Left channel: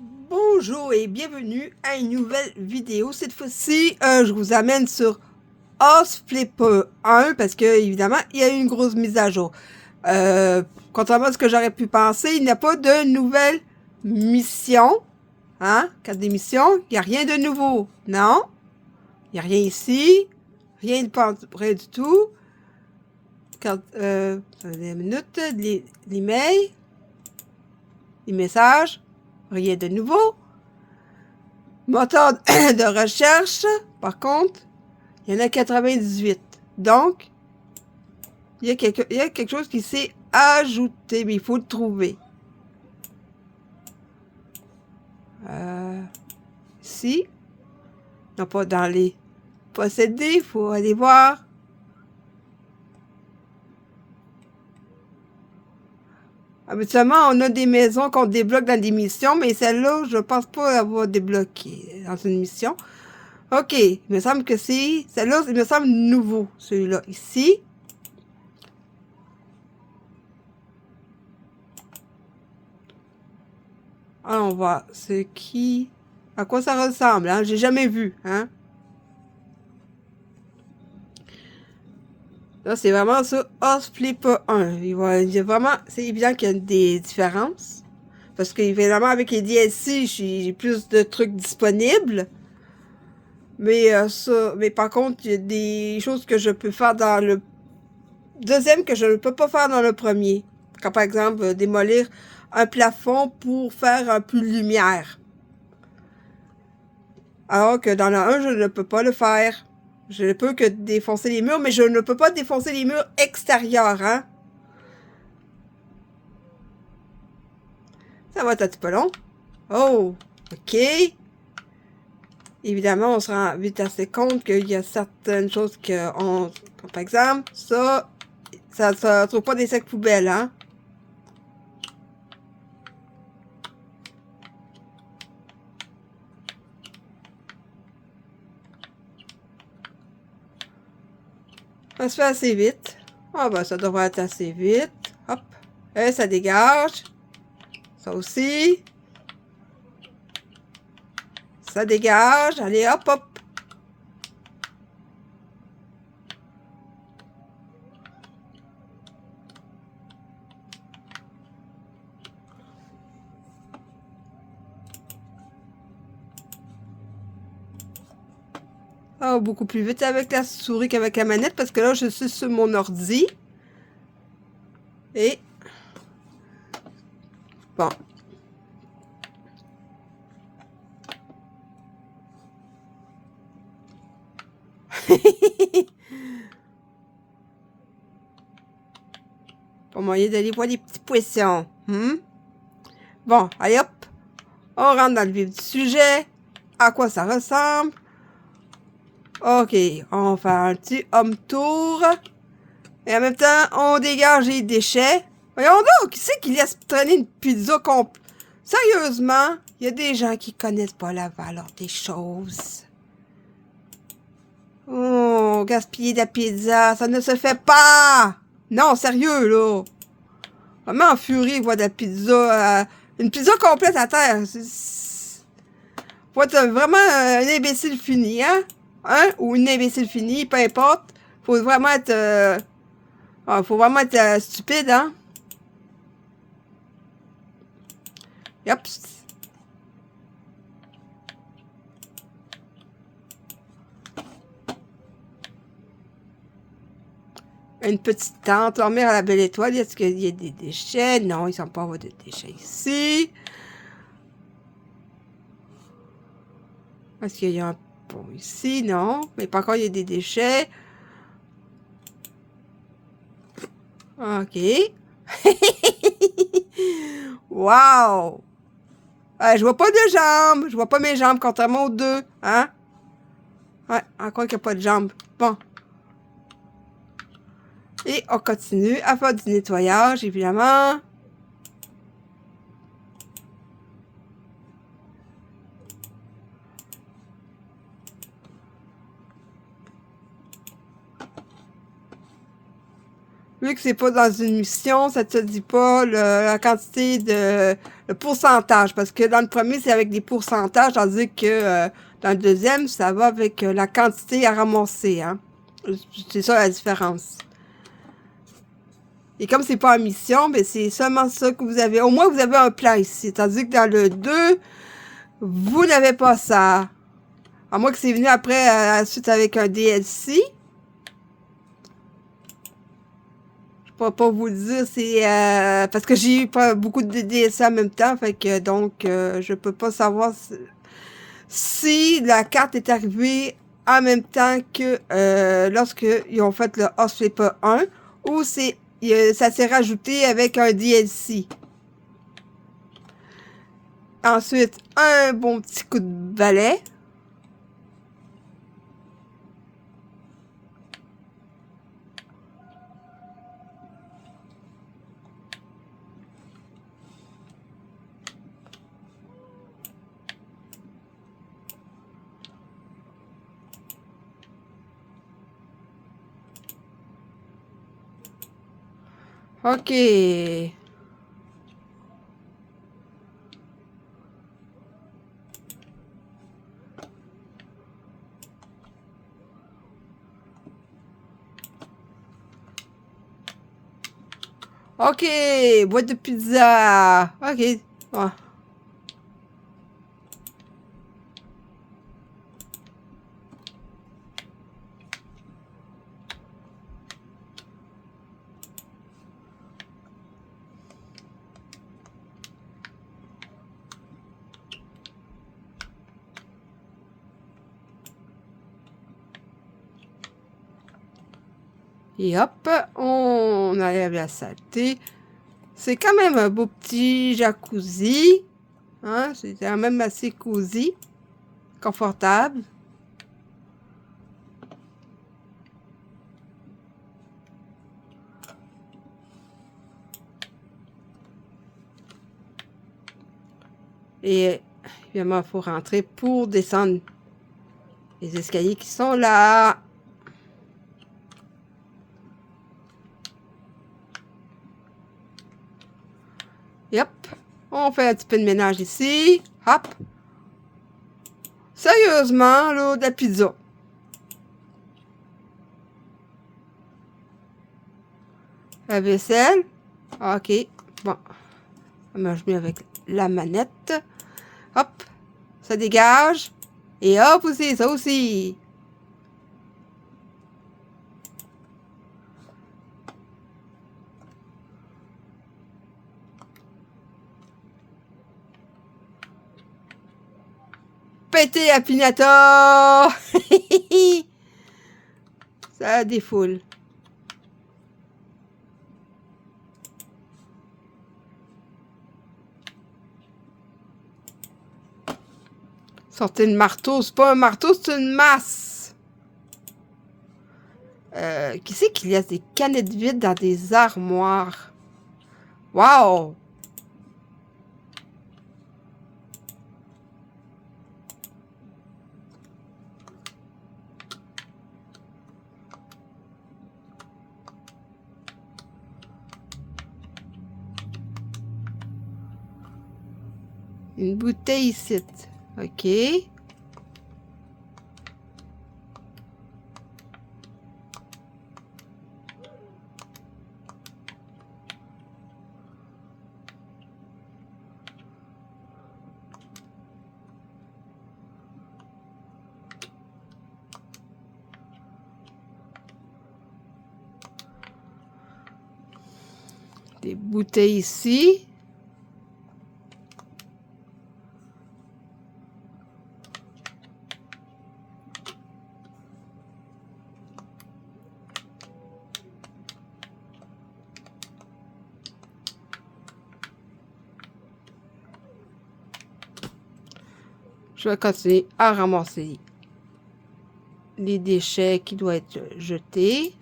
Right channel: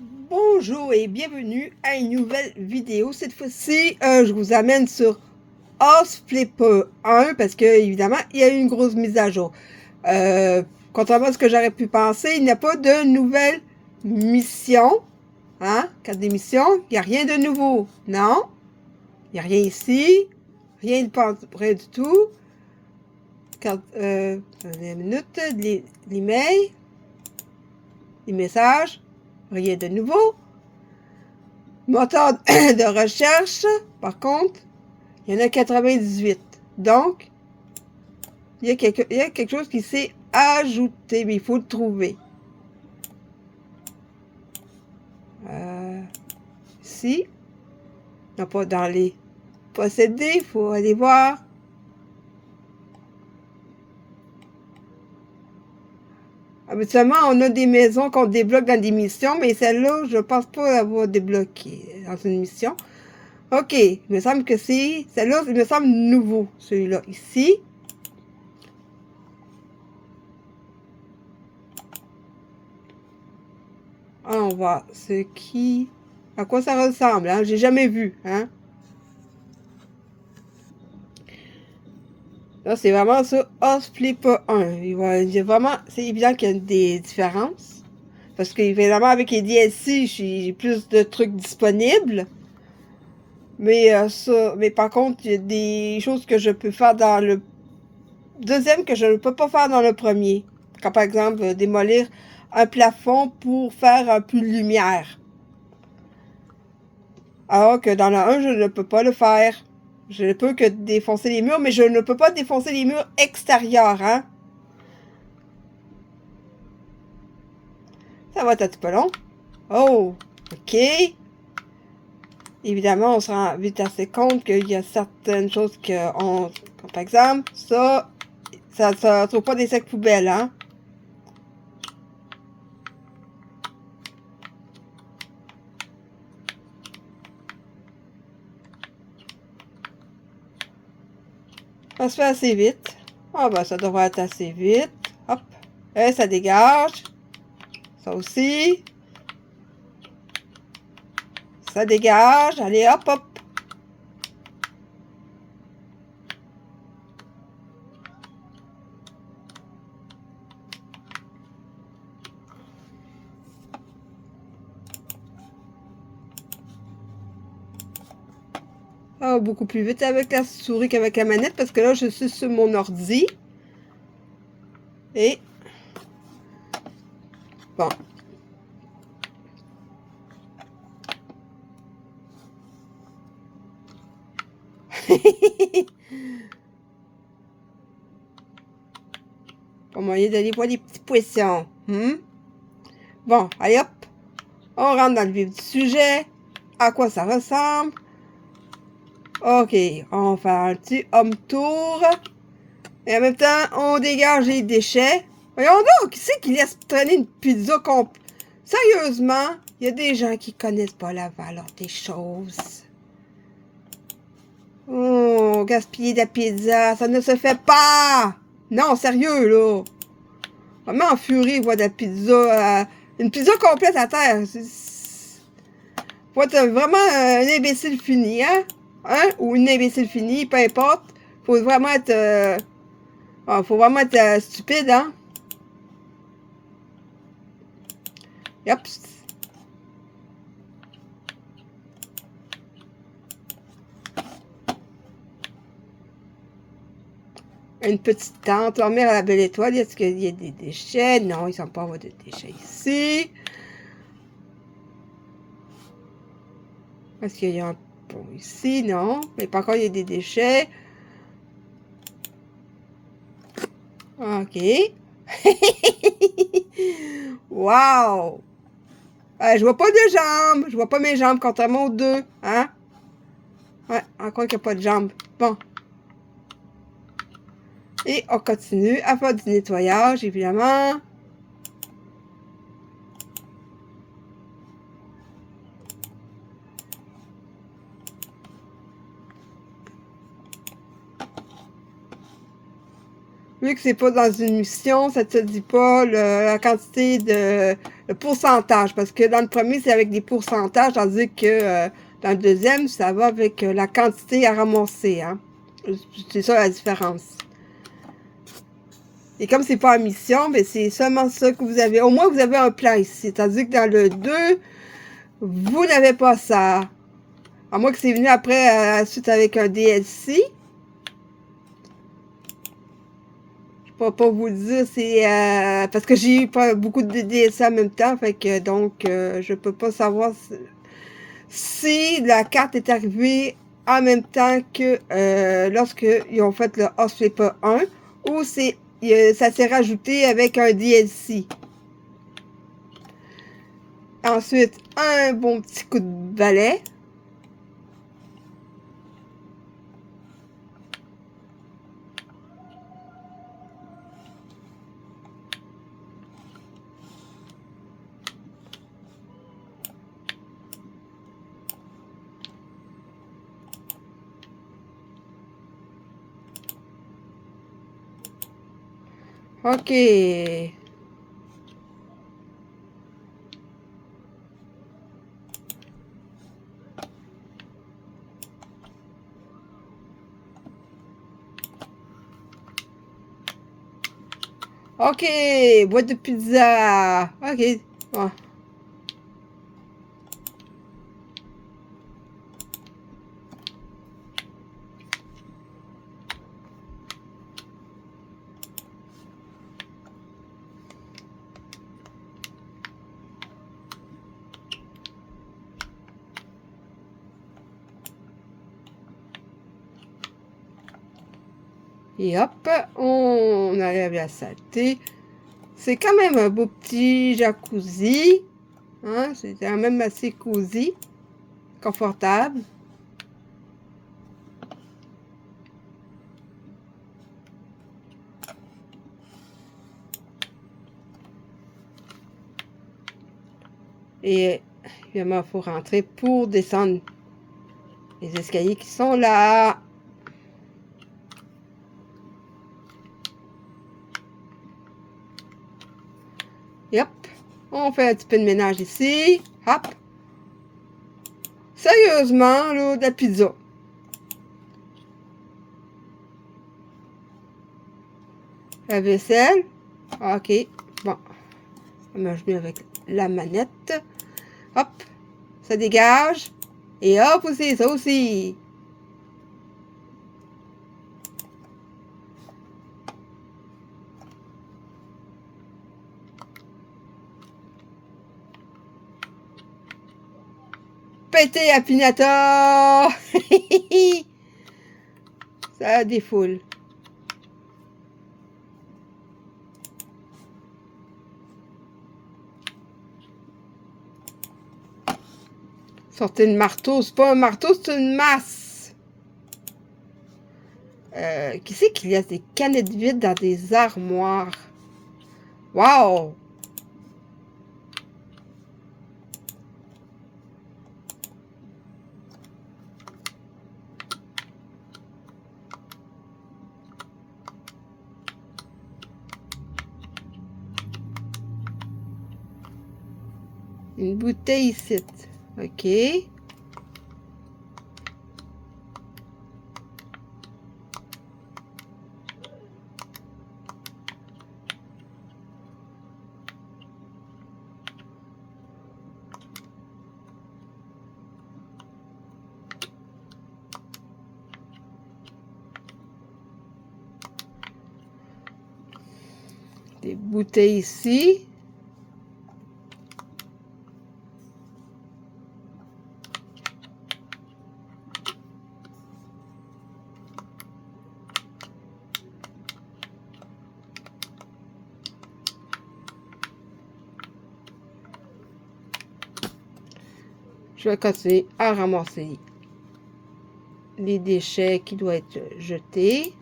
Bonjour et bienvenue à une nouvelle vidéo. Cette fois-ci, je vous amène sur House Flipper 1 parce que, évidemment, il y a eu une grosse mise à jour. Euh, Contrairement à ce que j'aurais pu penser, il n'y a pas de nouvelle mission. Hein? Carte d'émission, il n'y a rien de nouveau. Non, il n'y a rien ici. Rien de pas près du tout. Attendez une minute. L'email. Les messages. Rien de nouveau. Moteur de recherche, par contre, il y en a 98. Donc, il y a quelque chose qui s'est ajouté, mais il faut le trouver. Ici, non pas dans les possédés, il faut aller voir. Habituellement, on a des maisons qu'on débloque dans des missions, mais celle-là, je ne pense pas l'avoir débloquée dans une mission. Ok, il me semble que c'est... Celle-là, il me semble nouveau, celui-là. Ici. Alors, on voit ce qui... À quoi ça ressemble, hein? J'ai jamais vu, hein? Là, c'est vraiment ça, House Flipper 1. Il y a vraiment... C'est évident qu'il y a des différences. Parce que, évidemment, avec les DLC, j'ai plus de trucs disponibles. Mais par contre, il y a des choses que je peux faire dans le deuxième que je ne peux pas faire dans le premier. Comme par exemple, démolir un plafond pour faire un peu de lumière. Alors que dans le 1, je ne peux pas le faire. Je ne peux que défoncer les murs, mais je ne peux pas défoncer les murs extérieurs, hein. Ça va être un petit peu long. Oh, ok. Évidemment, on se rend vite assez compte qu'il y a certaines choses comme par exemple, ça ne trouve pas des sacs poubelles, hein. Ça se fait assez vite. Ah ben, ça devrait être assez vite. Hop. Et ça dégage. Ça aussi. Ça dégage. Allez, hop, hop. Oh, beaucoup plus vite avec la souris qu'avec la manette parce que là, je suis sur mon ordi. Et bon. Pour moyen d'aller voir les petits poissons. Bon, allez hop. On rentre dans le vif du sujet. À quoi ça ressemble? Ok, on fait un petit home tour. Et en même temps, on dégage les déchets. Voyons donc, qui c'est qui laisse traîner une pizza complète? Sérieusement, il y a des gens qui connaissent pas la valeur des choses. Oh, gaspiller de la pizza, ça ne se fait pas! Non, sérieux, là! Vraiment en furie, voir de la pizza, une pizza complète à terre. Faut être vraiment un imbécile fini, hein? Hein? Ou une imbécile finie, peu importe. Faut vraiment être... faut vraiment être stupide, hein? Yep. Une petite tente. Dormir à la belle étoile. Est-ce qu'il y a des déchets? Non, ils ne sont pas avoir de déchets ici. Est-ce qu'il y a un pont ici? Non. Mais par contre, il y a des déchets. OK. Wow! Je vois pas de jambes. Je vois pas mes jambes, contrairement aux deux. Hein? Ouais, encore qu'il n'y a pas de jambes. Bon. Et on continue à faire du nettoyage, évidemment. Vu que c'est pas dans une mission, ça te dit pas la quantité de le pourcentage, parce que dans le premier, c'est avec des pourcentages, tandis que dans le deuxième, ça va avec la quantité à ramasser, hein. C'est ça la différence. Et comme c'est pas en mission, ben c'est seulement ça que vous avez. Au moins, vous avez un plan ici. Tandis que dans le 2, vous n'avez pas ça. À moins que c'est venu après, suite avec un DLC. Je pourrais pas vous le dire, c'est parce que j'ai eu pas beaucoup de DLC en même temps, fait que donc je peux pas savoir si la carte est arrivée en même temps que lorsque ils ont fait le Osflipper 1 ou c'est ça s'est rajouté avec un DLC. Ensuite, un bon petit coup de balai. OK. OK, boîte de pizza. OK. Bon. Et hop, on enlève la saleté. C'est quand même un beau petit jacuzzi. Hein? C'est quand même assez cosy, confortable. Et évidemment, il faut rentrer pour descendre les escaliers qui sont là. Et hop, on fait un petit peu de ménage ici. Hop. Sérieusement, là, de la pizza. La vaisselle. OK. Bon. Moi, je mets avec la manette. Hop. Ça dégage. Et hop aussi, ça aussi. Pété à Pinator. Ça défoule. Sortez le marteau. C'est pas un marteau, c'est une masse. Qui c'est qu'il y a des canettes vides dans des armoires? Wow! Une bouteille ici. OK. Des bouteilles ici. Je vais continuer à ramasser les déchets qui doivent être jetés.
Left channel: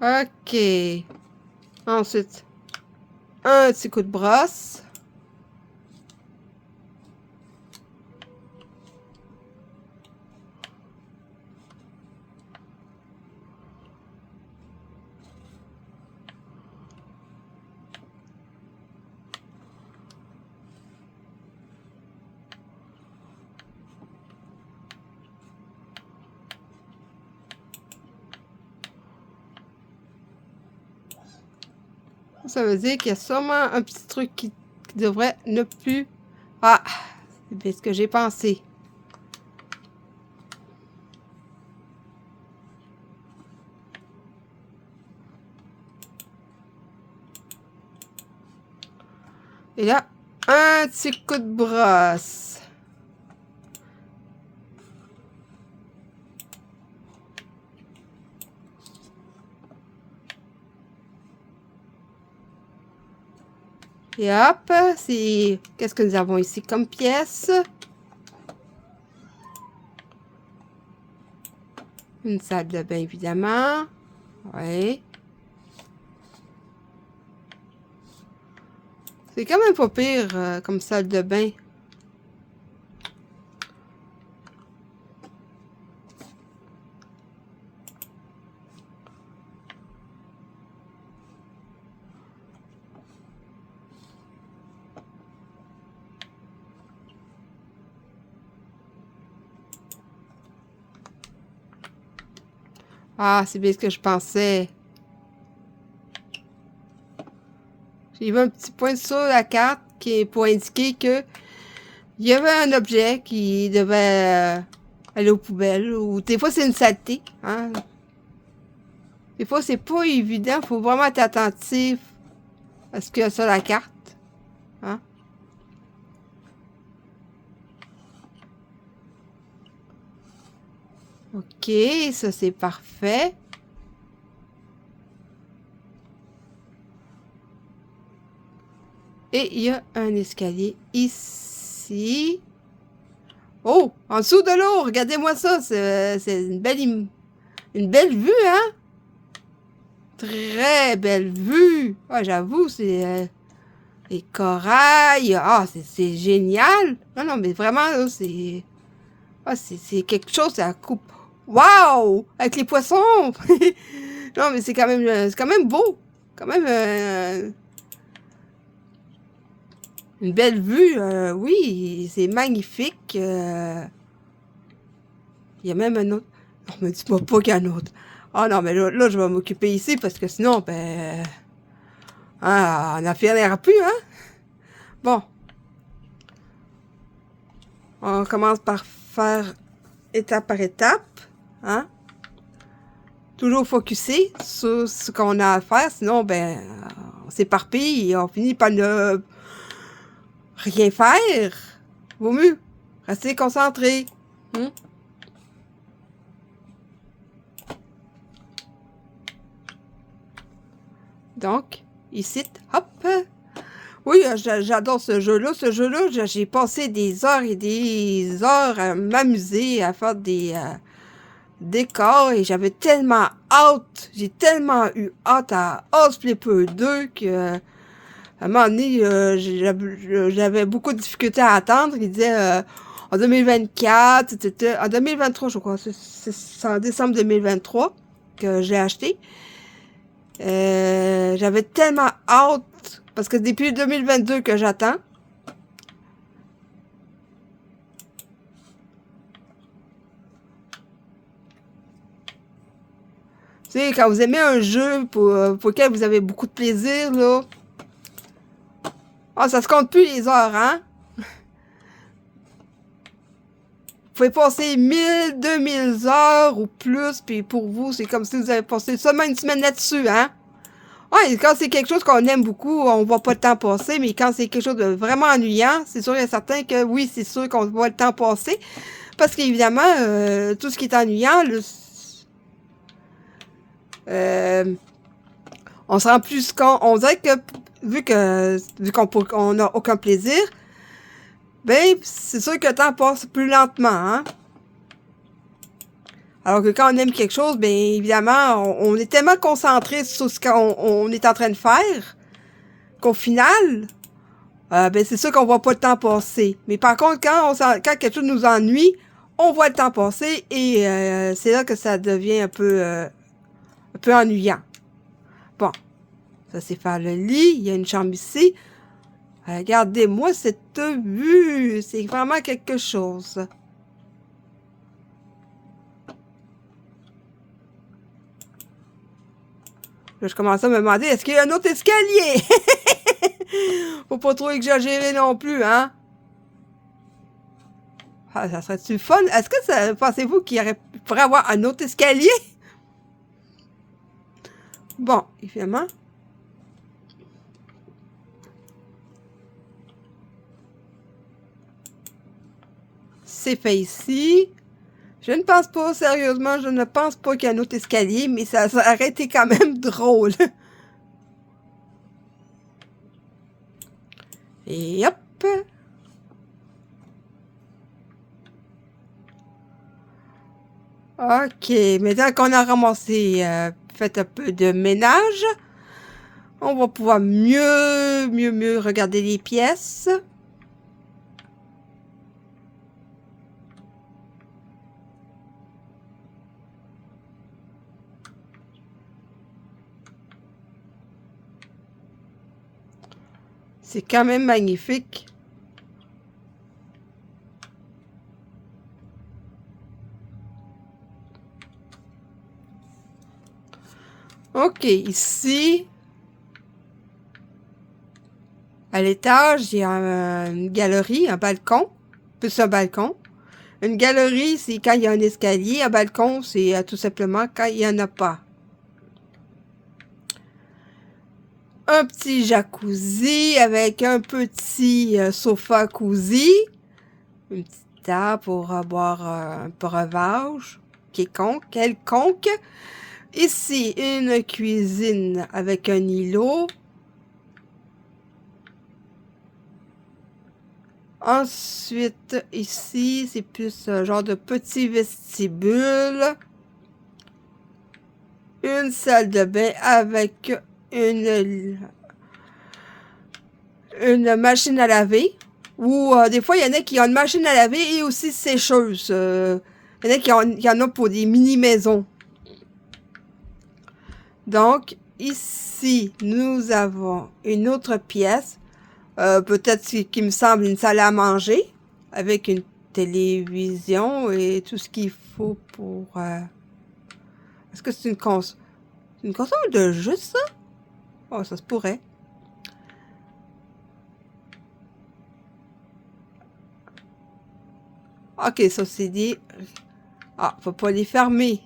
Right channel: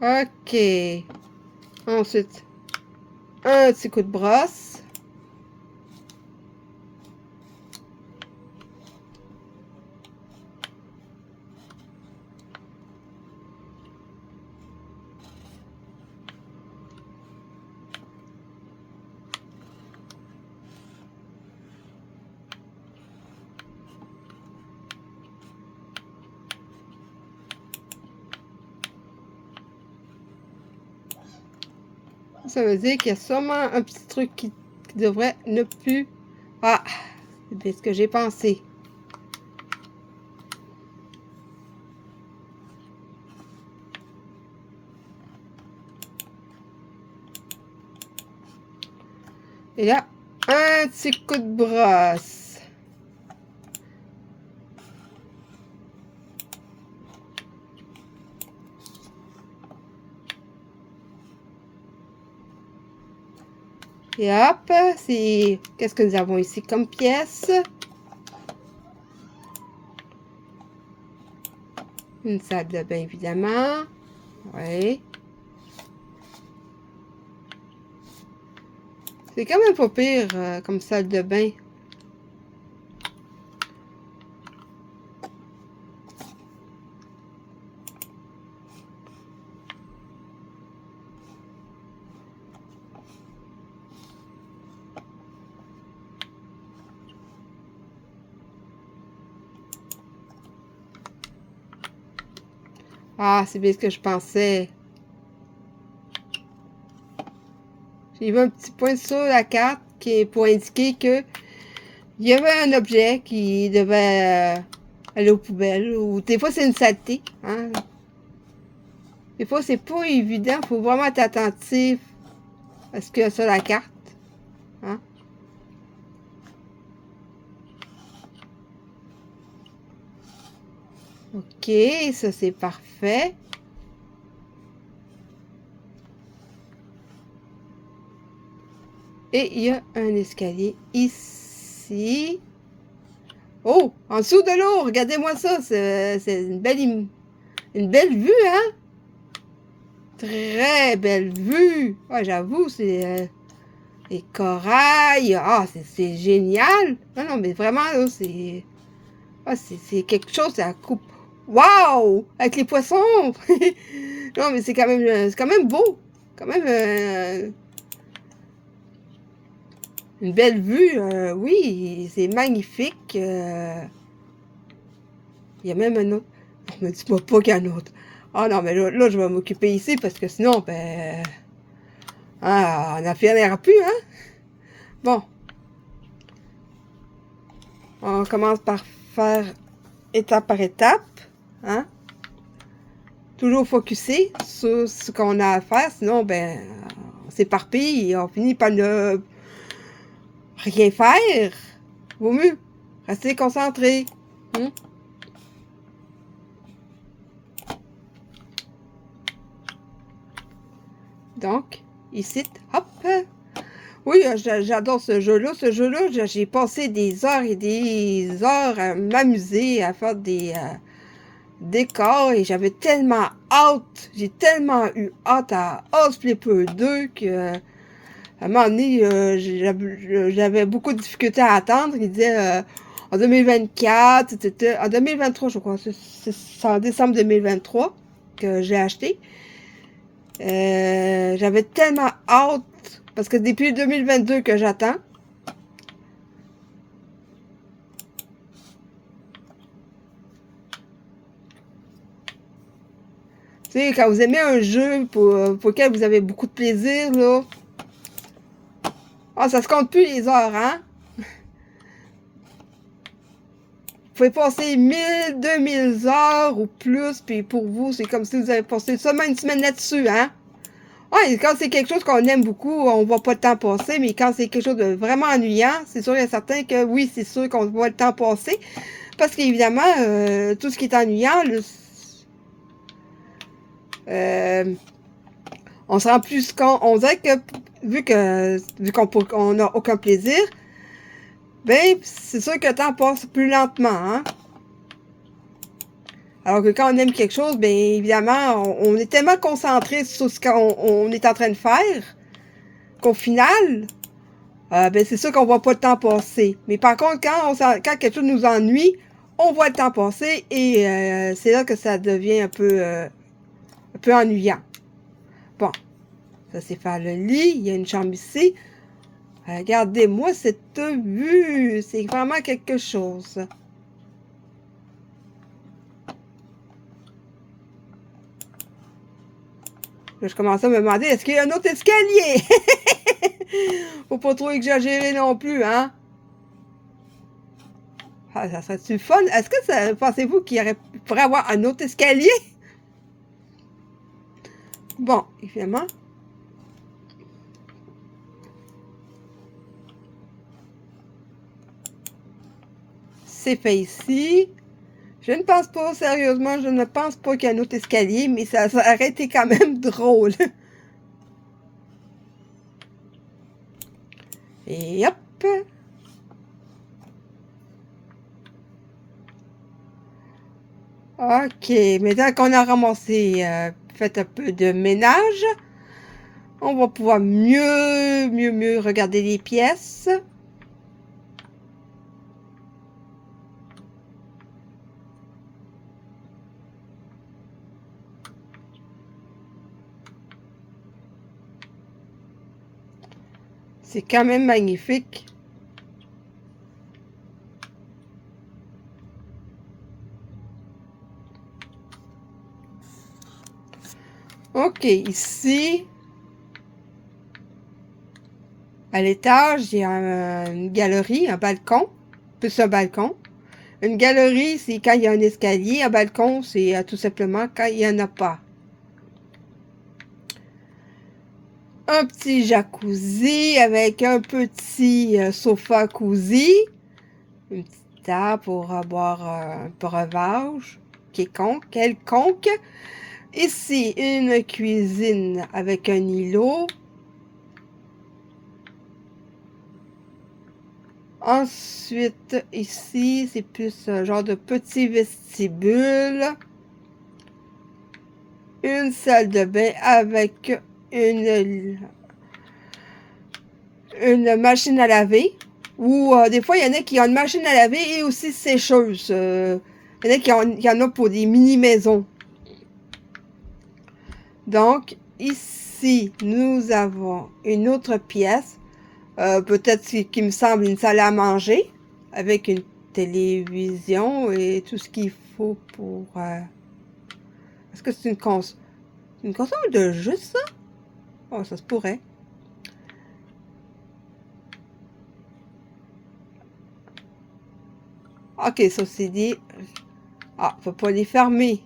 OK. Ensuite, un petit coup de brosse. Ça veut dire qu'il y a sûrement un petit truc qui devrait ne plus... Ah, c'est bien ce que j'ai pensé. Et là, un petit coup de brosse. Et hop, c'est... Qu'est-ce que nous avons ici comme pièce? Une salle de bain, évidemment. Oui. C'est quand même pas pire comme salle de bain. Ah, c'est bien ce que je pensais. J'ai vu un petit point sur la carte qui est pour indiquer que il y avait un objet qui devait aller aux poubelles. Ou des fois, c'est une saleté. Hein? Des fois, c'est pas évident. Il faut vraiment être attentif à ce qu'il y a sur la carte. Hein? OK, ça c'est parfait. Et il y a un escalier ici. Oh, en dessous de l'eau, regardez-moi ça. C'est une belle vue, hein? Très belle vue. Ah, j'avoue, c'est les corails. Ah, c'est génial. Non, non, mais vraiment, là, c'est... Ah, c'est quelque chose, ça coupe. Waouh! Avec les poissons! Non, mais c'est quand même beau. Quand même une belle vue. Oui, c'est magnifique. Il y a même un autre. Non, me dis-moi pas qu'il y a un autre. Ah non, mais là, je vais m'occuper ici parce que sinon, ben... Ah, on n'en finira plus, hein? Bon, on commence par faire étape par étape, hein? Toujours focusé sur ce qu'on a à faire, sinon, ben, on s'éparpille et on finit par ne rien faire. Vaut mieux rester concentré. Hein? Donc, ici, hop. Oui, j'adore ce jeu-là. Ce jeu-là, j'ai passé des heures et des heures à m'amuser, à faire des décors et j'avais tellement hâte, j'ai tellement eu hâte à House Flipper 2 que à un moment donné, j'avais beaucoup de difficultés à attendre. Il disait en 2024, c'était en 2023, je crois. C'est en décembre 2023 que j'ai acheté. J'avais tellement hâte parce que depuis 2022 que j'attends. Tu sais, quand vous aimez un jeu pour lequel vous avez beaucoup de plaisir, là, ah, ça se compte plus les heures, hein? Vous pouvez passer 1000, 2000 heures ou plus, puis pour vous, c'est comme si vous avez passé seulement une semaine là-dessus, hein? Ouais, quand c'est quelque chose qu'on aime beaucoup, on voit pas le temps passer, mais quand c'est quelque chose de vraiment ennuyant, c'est sûr et certain que oui, c'est sûr qu'on voit le temps passer. Parce qu'évidemment, tout ce qui est ennuyant, on se rend plus compte, on dirait que vu qu'on n'a aucun plaisir, ben, c'est sûr que le temps passe plus lentement, hein? Alors que quand on aime quelque chose, bien évidemment, on est tellement concentré sur ce qu'on est en train de faire qu'au final, ben c'est sûr qu'on voit pas le temps passer. Mais par contre, quand quelque chose nous ennuie, on voit le temps passer et c'est là que ça devient un peu ennuyant. Bon, ça c'est faire le lit, il y a une chambre ici. Regardez-moi cette vue, c'est vraiment quelque chose. Là, je commençais à me demander, est-ce qu'il y a un autre escalier? Faut pas trop exagérer non plus, hein? Ah, ça serait-tu fun? Est-ce que ça, pensez-vous qu'il pourrait avoir un autre escalier? Bon, évidemment. C'est fait ici. Je ne pense pas, sérieusement, je ne pense pas qu'il y a un autre escalier, mais ça aurait été quand même drôle. Et hop! Ok, maintenant qu'on a ramassé, fait un peu de ménage, on va pouvoir mieux regarder les pièces. C'est quand même magnifique. Ok, ici, à l'étage, il y a une galerie, un balcon, plus un balcon. Une galerie, c'est quand il y a un escalier. Un balcon, c'est tout simplement quand il n'y en a pas. Un petit jacuzzi avec un petit sofa cosy. Une petite table pour boire un breuvage quelconque. Ici, une cuisine avec un îlot. Ensuite, ici, c'est plus un genre de petit vestibule. Une salle de bain avec une machine à laver. Ou des fois, il y en a qui ont une machine à laver et aussi sécheuse. Il y en a qui en ont pour des mini-maisons. Donc, ici, nous avons une autre pièce. Peut-être qui me semble une salle à manger. Avec une télévision et tout ce qu'il faut pour... Est-ce que c'est une console? Une console de jeu, ça? Oh, ça se pourrait. Ok, ça c'est dit. Ah, faut pas les fermer.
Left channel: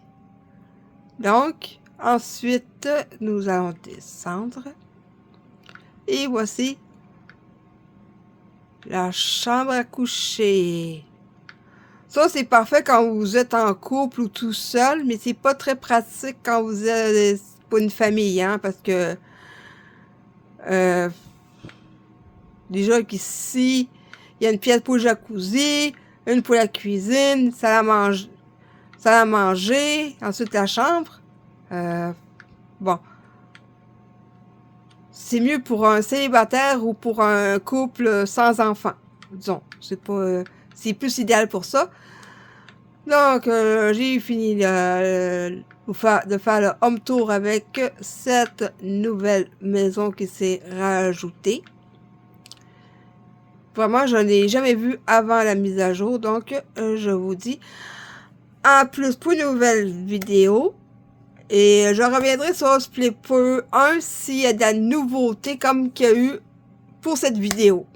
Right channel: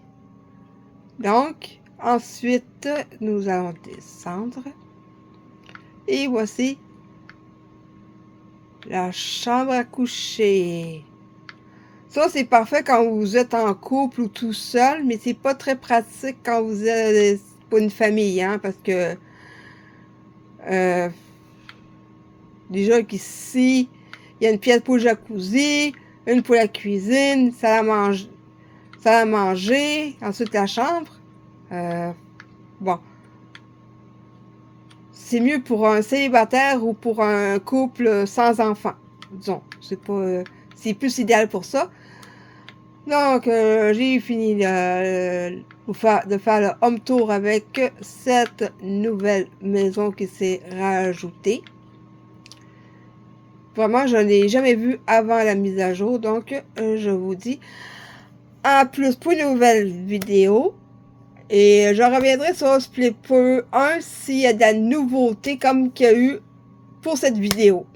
Donc, ensuite, nous allons descendre. Et voici la chambre à coucher. Ça, c'est parfait quand vous êtes en couple ou tout seul, mais c'est pas très pratique quand vous êtes pour une famille, hein, parce que déjà qu'ici, il y a une pièce pour le jacuzzi, une pour la cuisine, salle à manger, ensuite la chambre. Bon. C'est mieux pour un célibataire ou pour un couple sans enfant. Disons, c'est plus idéal pour ça. Donc, j'ai fini de faire le home tour avec cette nouvelle maison qui s'est rajoutée. Vraiment, je ne l'ai jamais vue avant la mise à jour. Donc, je vous dis à plus pour une nouvelle vidéo. Et je reviendrai sur Split 1 s'il y a de la nouveauté comme qu'il y a eu pour cette vidéo.